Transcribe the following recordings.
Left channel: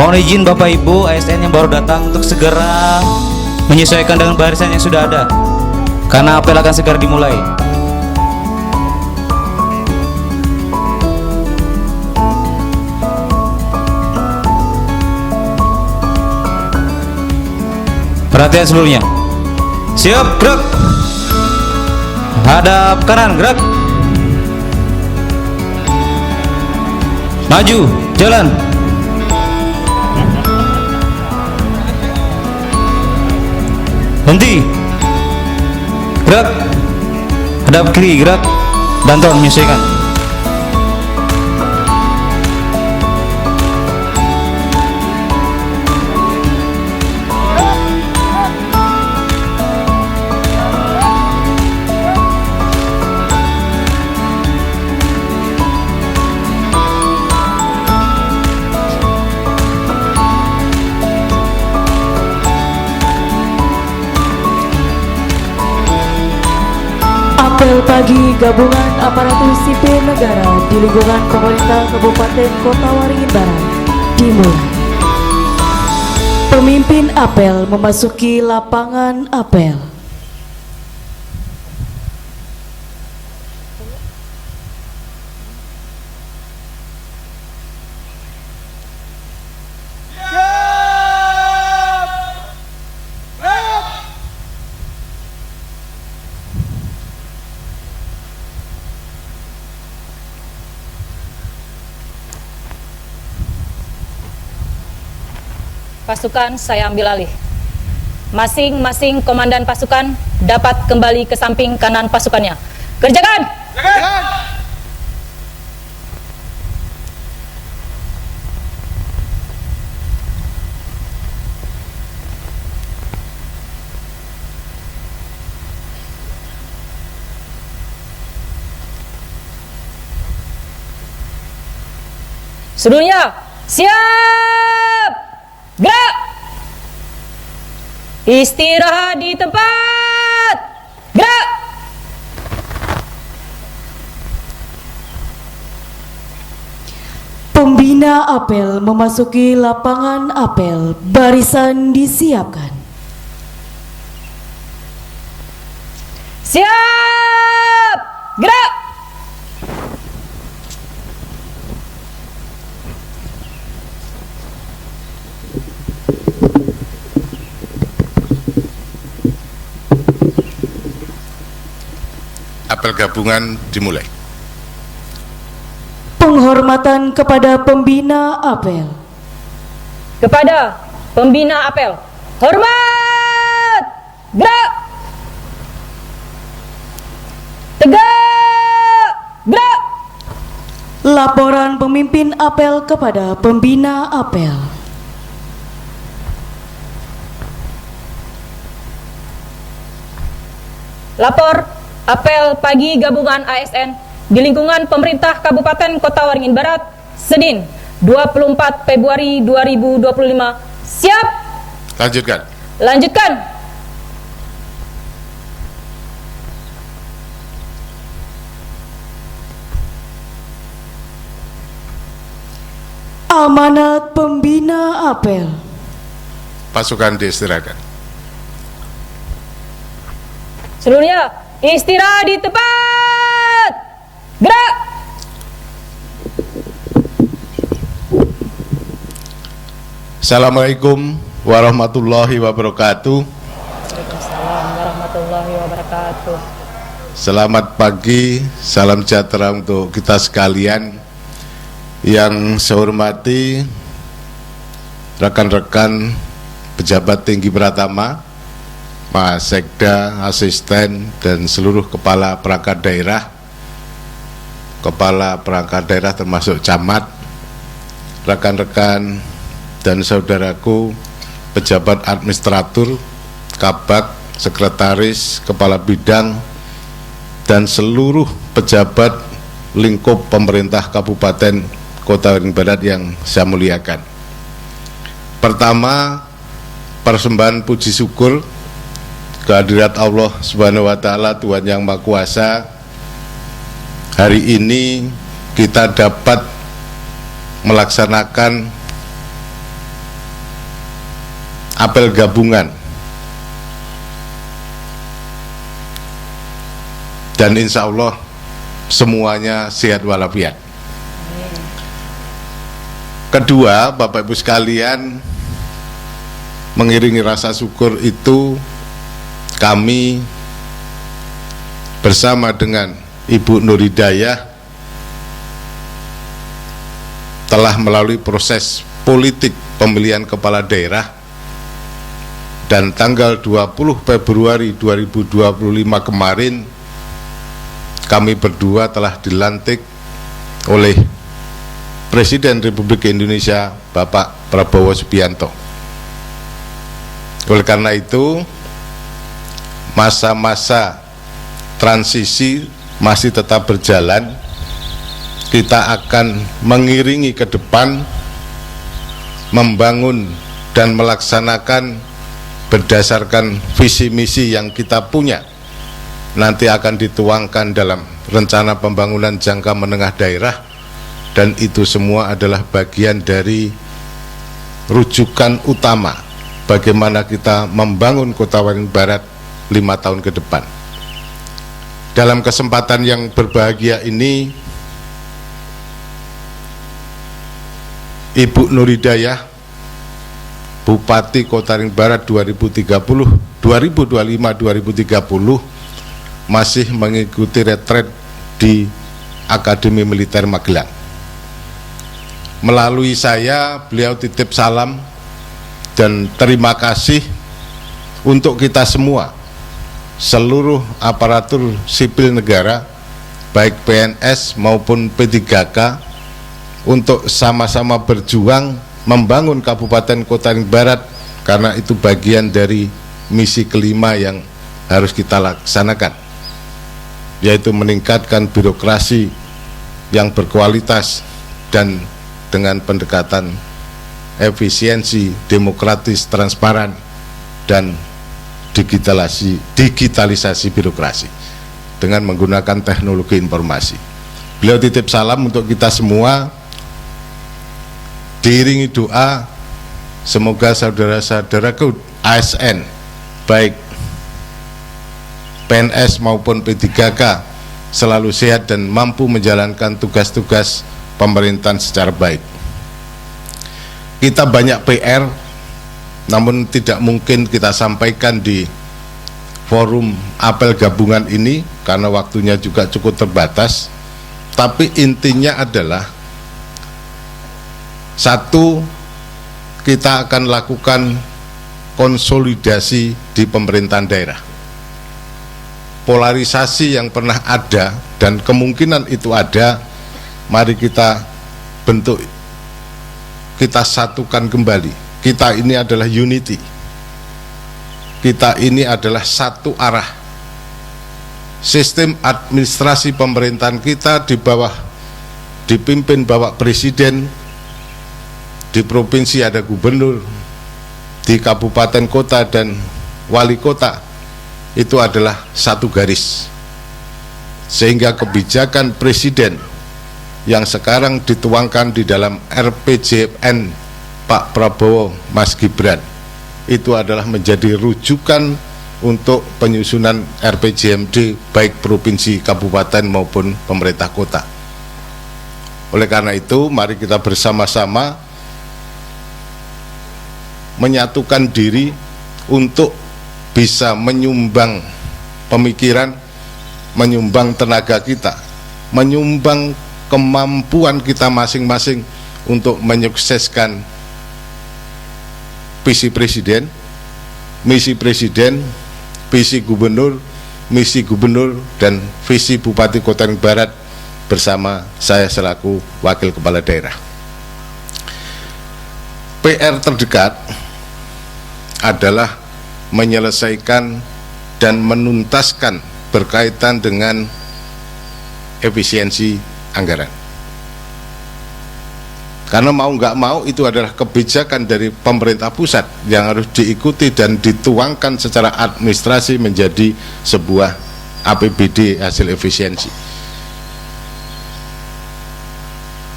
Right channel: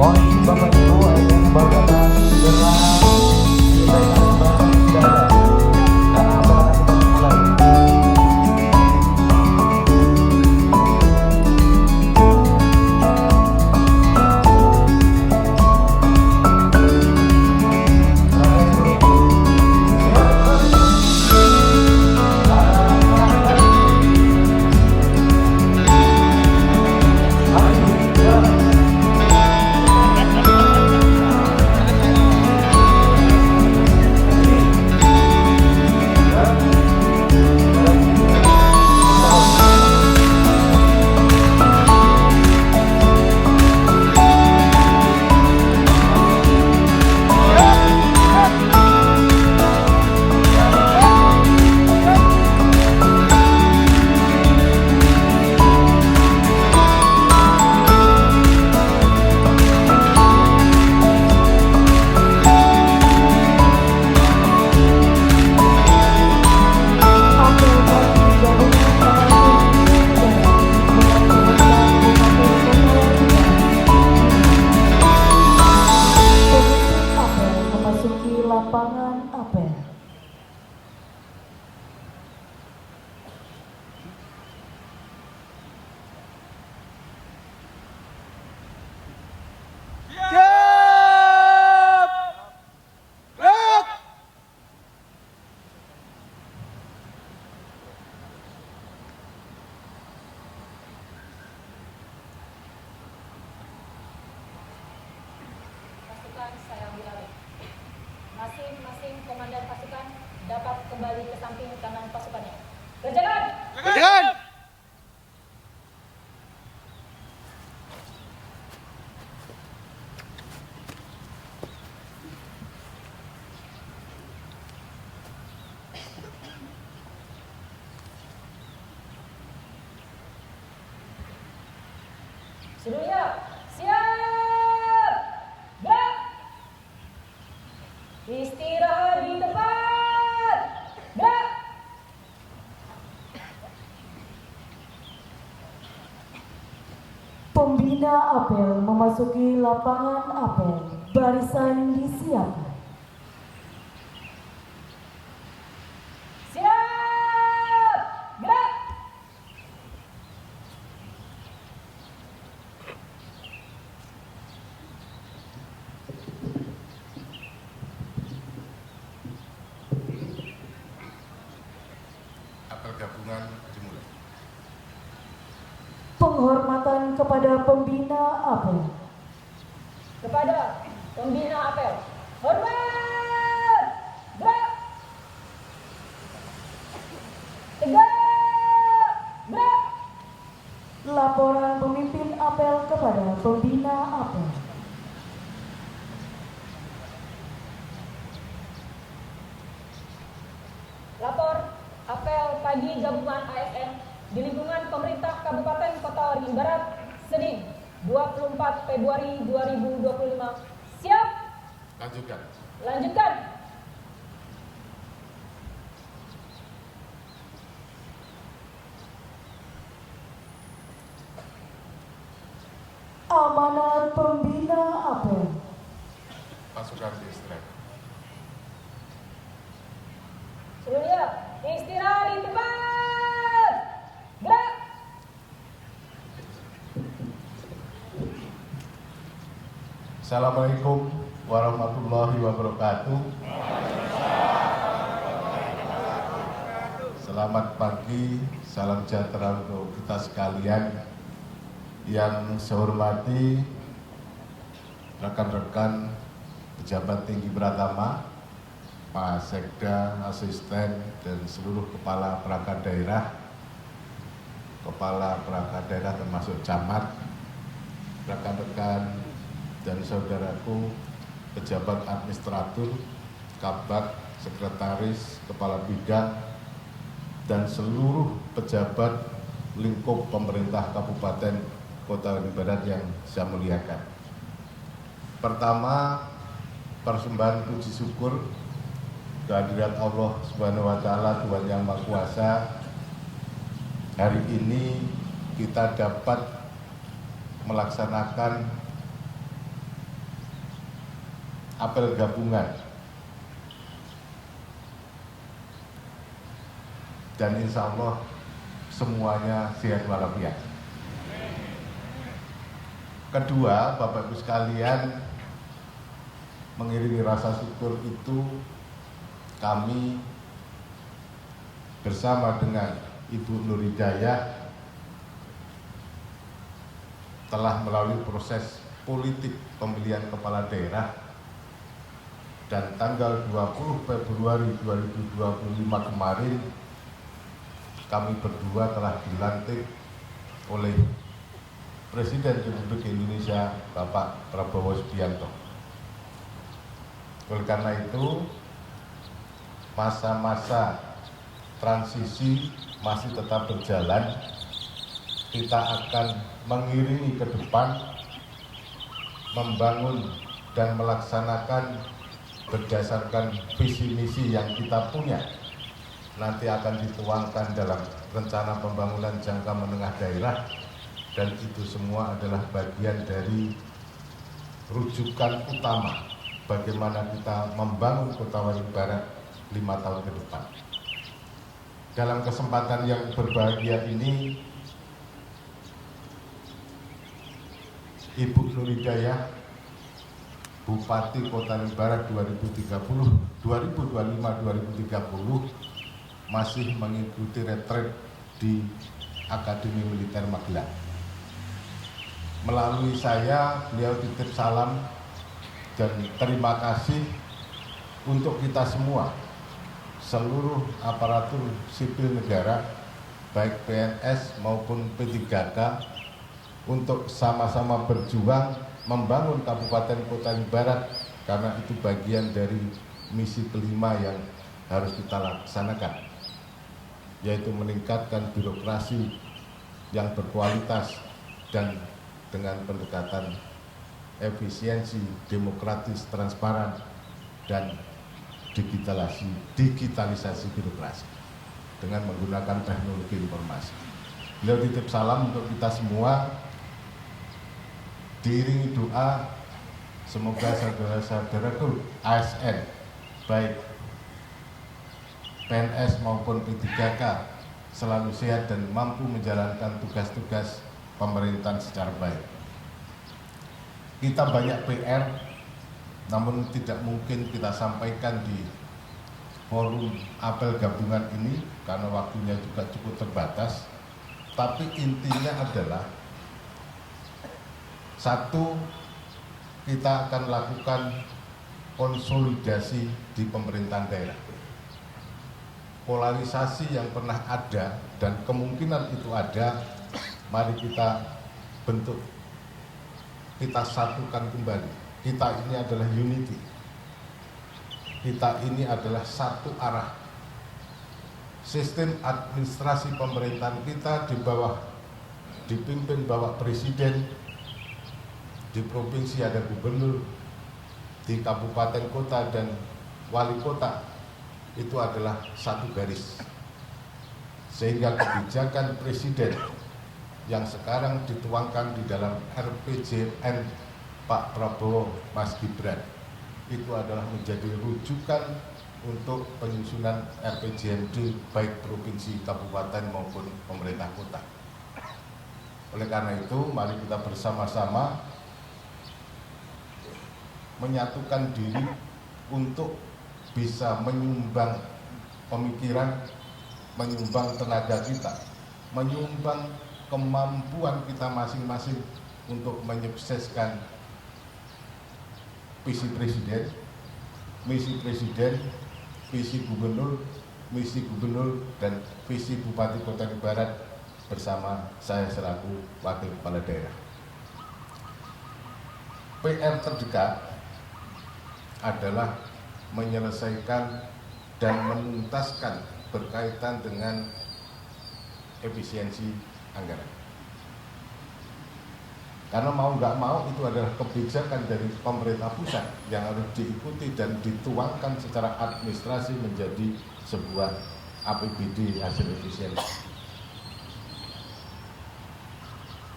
Mohon izin Bapak Ibu ASN yang baru datang untuk segera menyesuaikan dengan barisan yang sudah ada, karena apel akan segera dimulai. Perhatian seluruhnya. Siap, gerak. Hadap kanan, gerak. Maju, jalan. Henti. Gerak. Hadap kiri, gerak. Bantu menyesuaikan. Bagi gabungan aparatur sipil negara di lingkungan pemerintah Kabupaten Kota Waringin Barat Timur. Pemimpin apel memasuki lapangan apel. Pasukan saya ambil alih. Masing-masing komandan pasukan dapat kembali ke samping kanan pasukannya. Kerjakan! Kerjakan! Seluruhnya siap! Gerak! Istirahat di tempat! Gerak! Pembina apel memasuki lapangan apel. Barisan disiapkan. Siap! Gerak! Apel gabungan dimulai. Penghormatan kepada pembina apel. Kepada pembina apel, hormat! Gerak! Tegak! Gerak! Laporan pemimpin apel kepada pembina apel. Lapor apel pagi gabungan ASN di lingkungan pemerintah Kabupaten Kota Waringin Barat, Senin 24 Februari 2025. Siap? Lanjutkan. Lanjutkan. Amanat pembina apel. Pasukan diistirahatkan. Seluruhnya istirahat di tempat. Gerak. Assalamualaikum warahmatullahi wabarakatuh. Warahmatullahi wabarakatuh. Selamat pagi, salam sejahtera untuk kita sekalian. Yang saya hormati rekan-rekan pejabat tinggi Pratama, Mas Sekda, asisten, dan seluruh kepala perangkat daerah termasuk camat, rekan-rekan dan saudaraku pejabat administratur, kabak, sekretaris, kepala bidang, dan seluruh pejabat lingkup pemerintah Kabupaten Kota Waringin Barat yang saya muliakan. Pertama, persembahan puji syukur kehadirat Allah Subhanahu wa Ta'ala, Tuhan Yang Maha Kuasa. Hari ini kita dapat melaksanakan apel gabungan, dan insya Allah semuanya sehat walafiat. Kedua, Bapak Ibu sekalian, mengiringi rasa syukur itu kami bersama dengan Ibu Nur Hidayah telah melalui proses politik pemilihan kepala daerah, dan tanggal 20 Februari 2025 kemarin kami berdua telah dilantik oleh Presiden Republik Indonesia Bapak Prabowo Subianto. Oleh karena itu, masa-masa transisi masih tetap berjalan. Kita akan mengiringi ke depan, membangun dan melaksanakan berdasarkan visi misi yang kita punya. Nanti akan dituangkan dalam rencana pembangunan jangka menengah daerah, dan itu semua adalah bagian dari rujukan utama bagaimana kita membangun Kota Waringin Barat 5 tahun ke depan. Dalam kesempatan yang berbahagia ini, Ibu Nur Hidayah, Bupati Kota Waringin Barat 2025-2030 masih mengikuti retret di Akademi Militer Magelang. Melalui saya, beliau titip salam dan terima kasih untuk kita semua, seluruh aparatur sipil negara, baik PNS maupun P3K, untuk sama-sama berjuang membangun Kabupaten Kota Waringin Barat, karena itu bagian dari misi kelima yang harus kita laksanakan, yaitu meningkatkan birokrasi yang berkualitas dan dengan pendekatan efisiensi, demokratis, transparan, dan digitalisasi birokrasi dengan menggunakan teknologi informasi. Beliau titip salam untuk kita semua, diiringi doa semoga saudara-saudaraku ASN, baik PNS maupun P3K, selalu sehat dan mampu menjalankan tugas-tugas pemerintahan secara baik. Kita banyak PR, namun tidak mungkin kita sampaikan di forum apel gabungan ini karena waktunya juga cukup terbatas. Tapi intinya adalah, satu, kita akan lakukan konsolidasi di pemerintahan daerah. Polarisasi yang pernah ada dan kemungkinan itu ada, mari kita bentuk, kita satukan kembali. Kita ini adalah unity, kita ini adalah satu arah. Sistem administrasi pemerintahan kita dipimpin Bapak Presiden, di provinsi ada gubernur, di kabupaten kota dan wali kota, itu adalah satu garis, sehingga kebijakan presiden yang sekarang dituangkan di dalam RPJMN Pak Prabowo Mas Gibran itu adalah menjadi rujukan untuk penyusunan RPJMD baik provinsi, kabupaten maupun pemerintah kota. Oleh karena itu, mari kita bersama-sama menyatukan diri untuk bisa menyumbang pemikiran, menyumbang tenaga kita, menyumbang kemampuan kita masing-masing untuk menyukseskan visi presiden, misi presiden, visi gubernur, misi gubernur, dan visi Bupati Kota Waringin Barat bersama saya selaku Wakil Kepala Daerah. PR terdekat adalah menyelesaikan dan menuntaskan berkaitan dengan efisiensi anggaran. Karena mau nggak mau itu adalah kebijakan dari pemerintah pusat yang harus diikuti dan dituangkan secara administrasi menjadi sebuah APBD hasil efisiensi.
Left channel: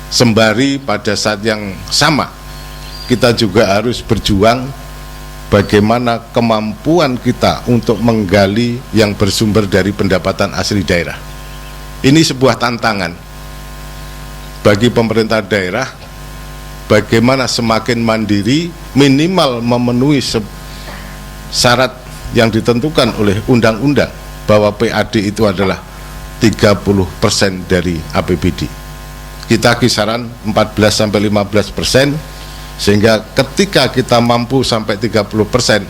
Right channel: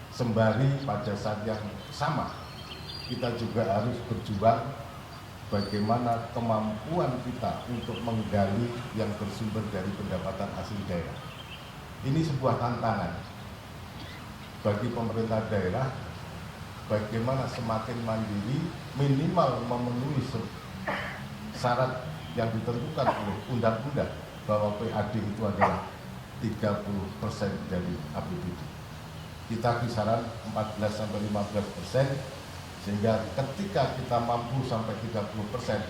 Sembari pada saat yang sama kita juga harus berjuang bagaimana kemampuan kita untuk menggali yang bersumber dari pendapatan asli daerah. Ini sebuah tantangan bagi pemerintah daerah, bagaimana semakin mandiri, minimal memenuhi syarat yang ditentukan oleh undang-undang bahwa PAD itu adalah 30% dari APBD. Kita kisaran 14-15%, sehingga ketika kita mampu sampai 30%,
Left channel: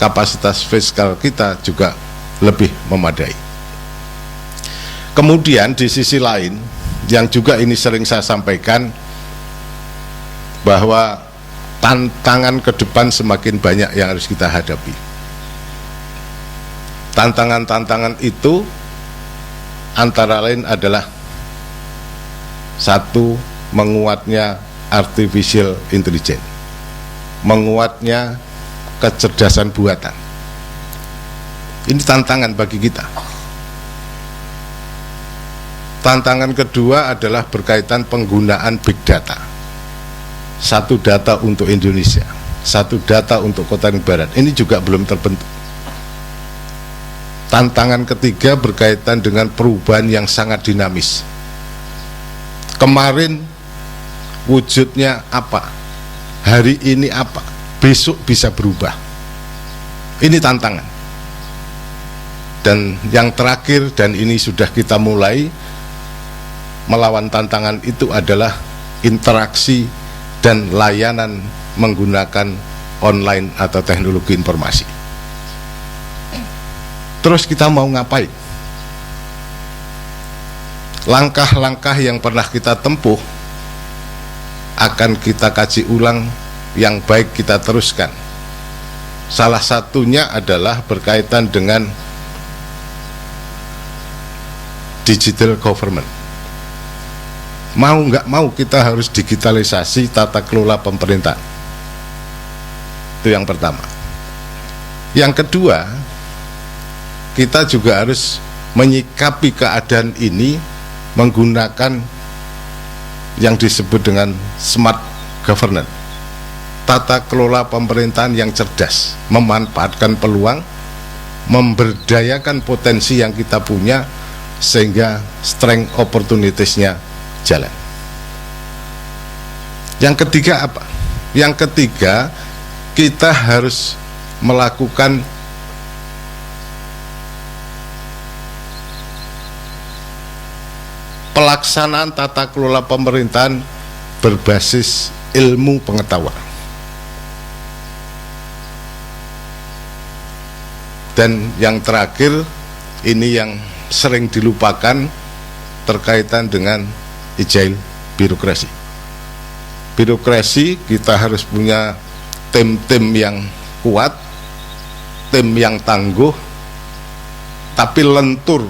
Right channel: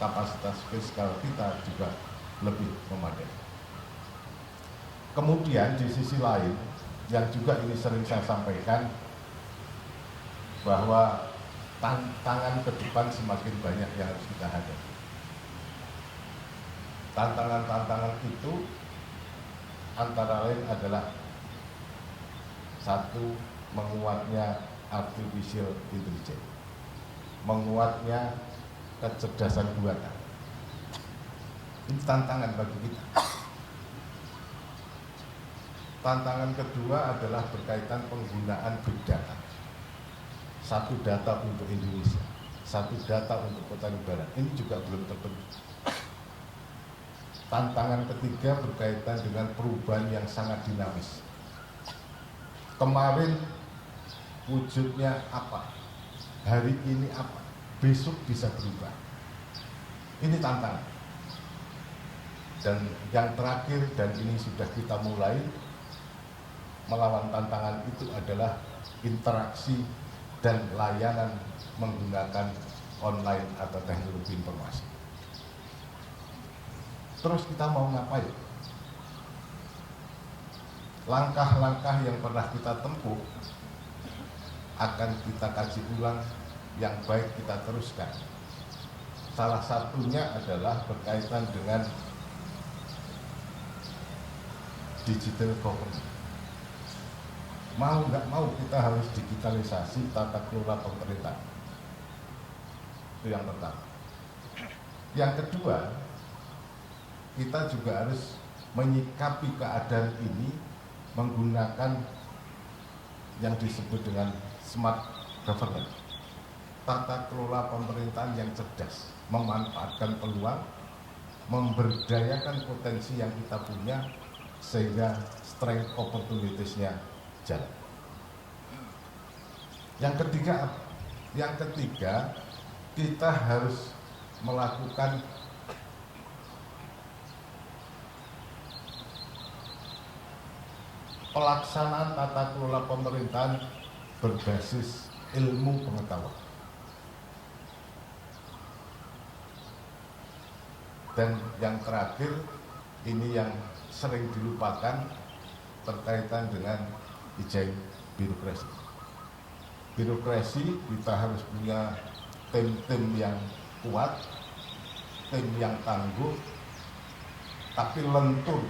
kapasitas fiskal kita juga lebih memadai. Kemudian di sisi lain, yang juga ini sering saya sampaikan, bahwa tantangan ke depan semakin banyak yang harus kita hadapi. Tantangan-tantangan itu antara lain adalah satu, menguatnya artificial intelligence, menguatnya kecerdasan buatan. Ini tantangan bagi kita. Tantangan kedua adalah berkaitan penggunaan big data. Satu data untuk Indonesia, satu data untuk Kota Barat. Ini juga belum terbentuk. Tantangan ketiga berkaitan dengan perubahan yang sangat dinamis. Kemarin wujudnya apa, hari ini apa, besok bisa berubah. Ini tantangan. Dan yang terakhir, dan ini sudah kita mulai melawan tantangan itu, adalah interaksi dan layanan menggunakan online atau teknologi informasi. Terus kita mau ngapain? Langkah-langkah yang pernah kita tempuh akan kita kaji ulang, yang baik kita teruskan. Salah satunya adalah berkaitan dengan digital government. Mau nggak mau kita harus digitalisasi tata kelola pemerintahan. Itu yang pertama. Yang kedua, kita juga harus menyikapi keadaan ini menggunakan yang disebut dengan smart governance, tata kelola pemerintahan yang cerdas, memanfaatkan peluang, memberdayakan potensi yang kita punya, sehingga strength opportunities-nya jalan. Yang ketiga apa? Yang ketiga, kita harus melakukan pelaksanaan tata kelola pemerintahan berbasis ilmu pengetahuan. Dan yang terakhir, ini yang sering dilupakan, terkaitan dengan agile birokrasi. Birokrasi, kita harus punya tim-tim yang kuat, tim yang tangguh, tapi lentur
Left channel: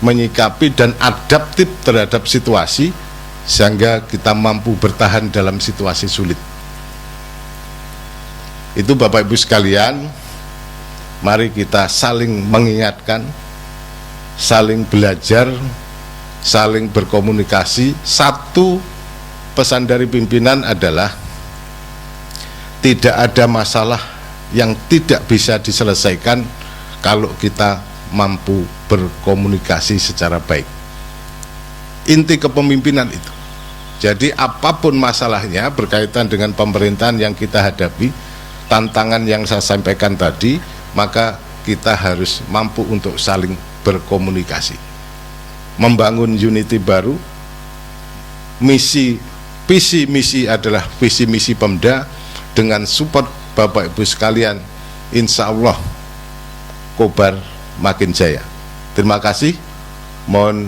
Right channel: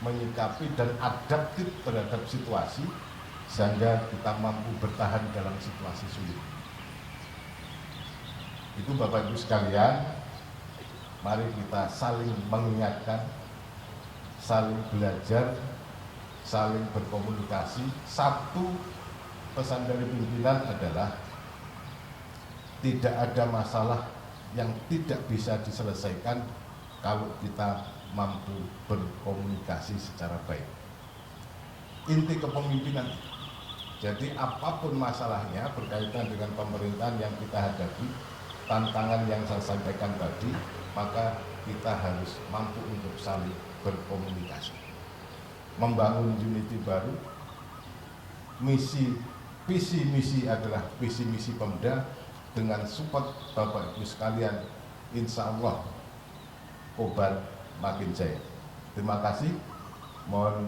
menyikapi dan adaptif terhadap situasi, sehingga kita mampu bertahan dalam situasi sulit. Itu Bapak Ibu sekalian, mari kita saling mengingatkan, saling belajar, saling berkomunikasi. Satu pesan dari pimpinan adalah tidak ada masalah yang tidak bisa diselesaikan kalau kita mampu berkomunikasi secara baik. Inti kepemimpinan itu. Jadi apapun masalahnya berkaitan dengan pemerintahan yang kita hadapi, tantangan yang saya sampaikan tadi, maka kita harus mampu untuk saling berkomunikasi, membangun unity baru. Visi misi adalah visi misi Pemda. Dengan support Bapak Ibu sekalian, insya Allah Kobar makin jaya. Terima kasih, mohon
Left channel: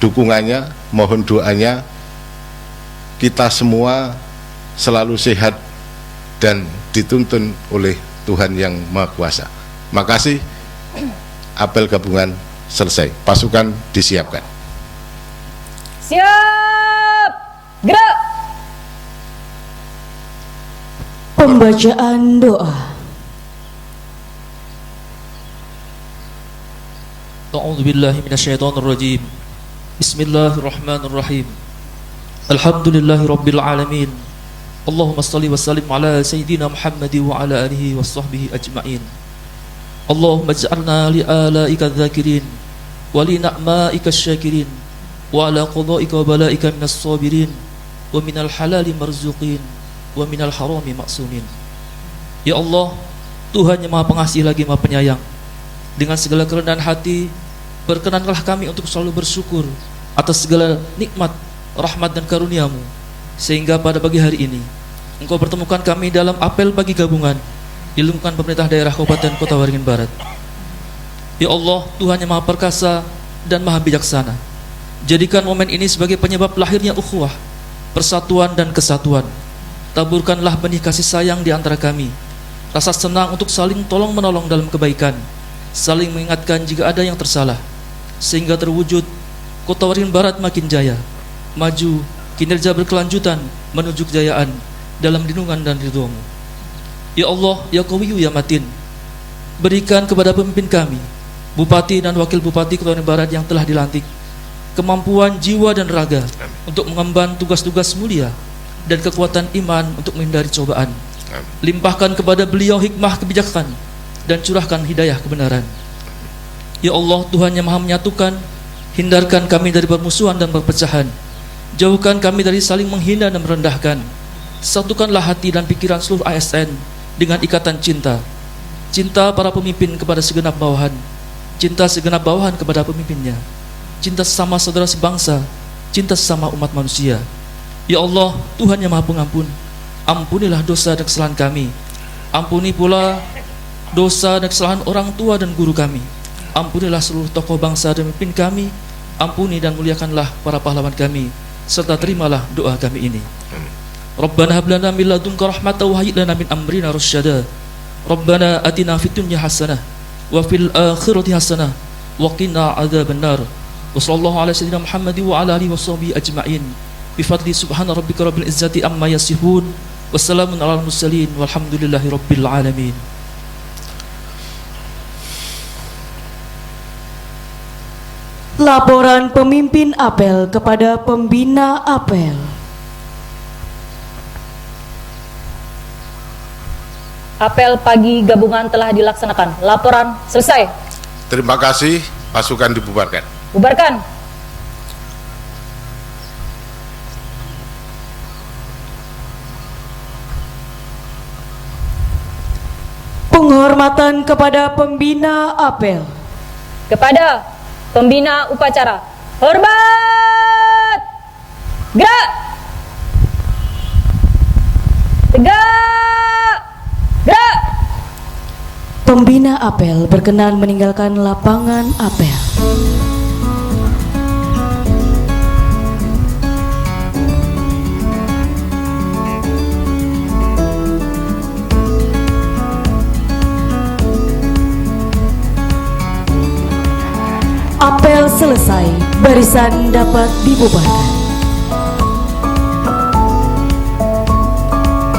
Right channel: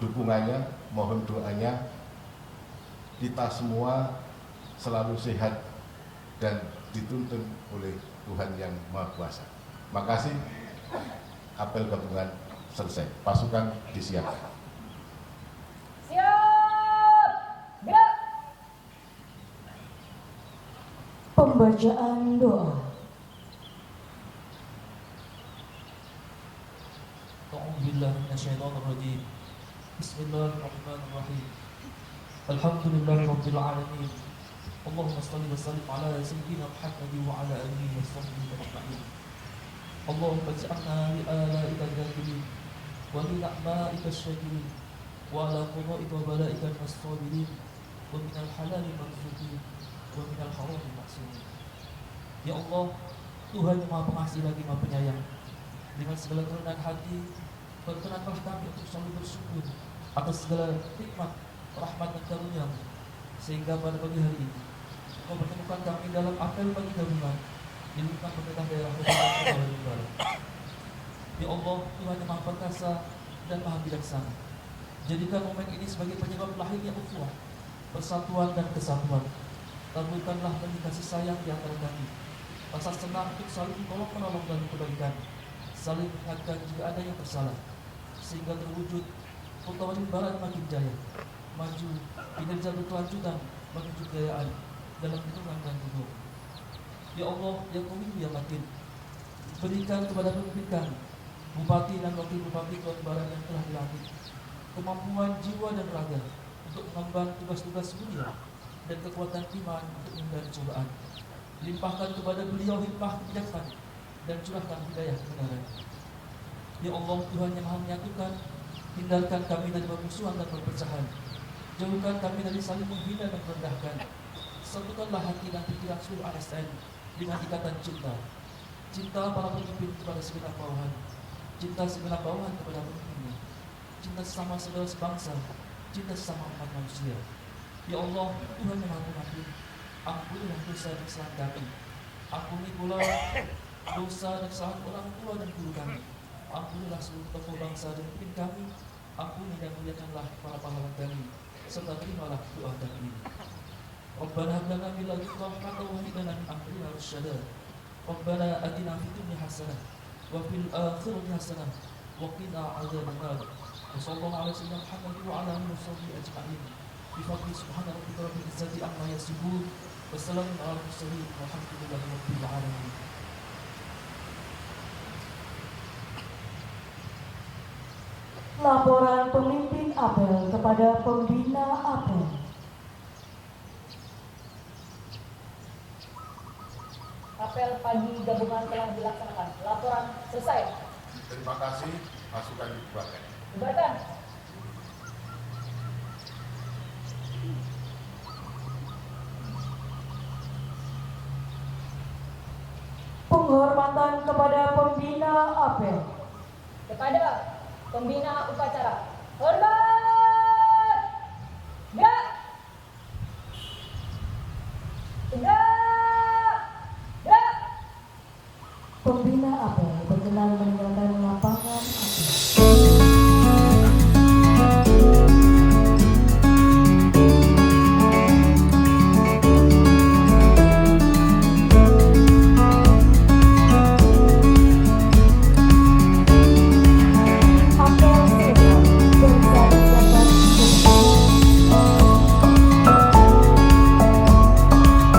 dukungannya, mohon doanya, kita semua selalu sehat dan dituntun oleh Tuhan Yang Maha Kuasa. Makasih. Apel gabungan selesai, pasukan disiapkan. Siap, gerak. Pembacaan doa. A'udzu billahi minasyaitonir rajim. Bismillahirrahmanirrahim. Alhamdulillahirabbil alamin. Allahumma salli wa sallim ala Sayyidina Muhammad wa ala alihi wa sahbihi ajma'in. Allahumma ij'alna li alaika dzakirin wa li na'maika syakirin wa ala qada'ika wa bala'ika minas sabirin wa minal halali marzuqin wa minal harami maksumin. Ya Allah, Tuhan yang Maha Pengasih lagi Maha Penyayang, dengan segala kerendahan hati berkenanlah kami untuk selalu bersyukur atas segala nikmat, rahmat dan karunia-Mu, sehingga pada pagi hari ini Engkau pertemukan kami dalam apel pagi gabungan di lingkungan pemerintah daerah Kabupaten Kota Waringin Barat. Ya Allah, Tuhan yang Maha Perkasa dan Maha Bijaksana, jadikan momen ini sebagai penyebab lahirnya ukhuwah, persatuan dan kesatuan. Taburkanlah benih kasih sayang di antara kami, rasa senang untuk saling tolong menolong dalam kebaikan, saling mengingatkan jika ada yang tersalah, sehingga terwujud Kota Waringin Barat makin jaya, maju, kinerja berkelanjutan menuju kejayaan dalam lindungan dan ridho-Mu. Ya Allah, Ya Qawiyyu Ya Matin, berikan kepada pemimpin kami, Bupati dan Wakil Bupati Kota Waringin Barat yang telah dilantik, kemampuan jiwa dan raga untuk mengemban tugas-tugas mulia dan kekuatan iman untuk menghindari cobaan. Limpahkan kepada beliau hikmah kebijakan dan curahkan hidayah kebenaran. Ya Allah, Tuhan yang Maha Menyatukan, hindarkan kami dari permusuhan dan perpecahan. Jauhkan kami dari saling menghina dan merendahkan. Satukanlah hati dan pikiran seluruh ASN dengan ikatan cinta. Cinta para pemimpin kepada segenap bawahan, cinta segenap bawahan kepada pemimpinnya, cinta sesama saudara sebangsa, cinta sesama umat manusia. Ya Allah, Tuhan yang Maha Pengampun, ampunilah dosa dan kesalahan kami. Ampuni pula dosa dan kesalahan orang tua dan guru kami. Ampunilah seluruh tokoh bangsa dan pemimpin kami. Ampuni dan muliakanlah para pahlawan kami, serta terimalah doa kami ini. Rabbana hab lana min ladunka rahmatan wa hayyi lana min amrina rasyada. Rabbana atina fid dunya hasanah wa fil akhirati hasanah wa qina adzabannar. Wa sallallahu ala sayyidina Muhammad wa ala alihi washabihi ajma'in. Bi fadli subhana rabbika rabbil izzati amma yasifun. Wassalamun alal mursalin walhamdulillahi rabbil alamin. Laporan pemimpin apel kepada pembina apel. Apel pagi gabungan telah dilaksanakan. Laporan selesai. Terima kasih, pasukan dibubarkan. Bubarkan. Penghormatan kepada pembina apel. Kepada pembina upacara, hormat. Gerak. Tegak. Gerak. Pembina apel berkenan meninggalkan lapangan apel. Apel selesai, barisan dapat dibubarkan.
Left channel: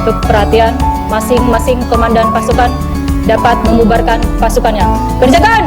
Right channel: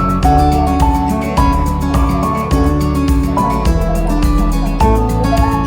Untuk perhatian, masing-masing komandan pasukan dapat membubarkan pasukannya. Kerjakan!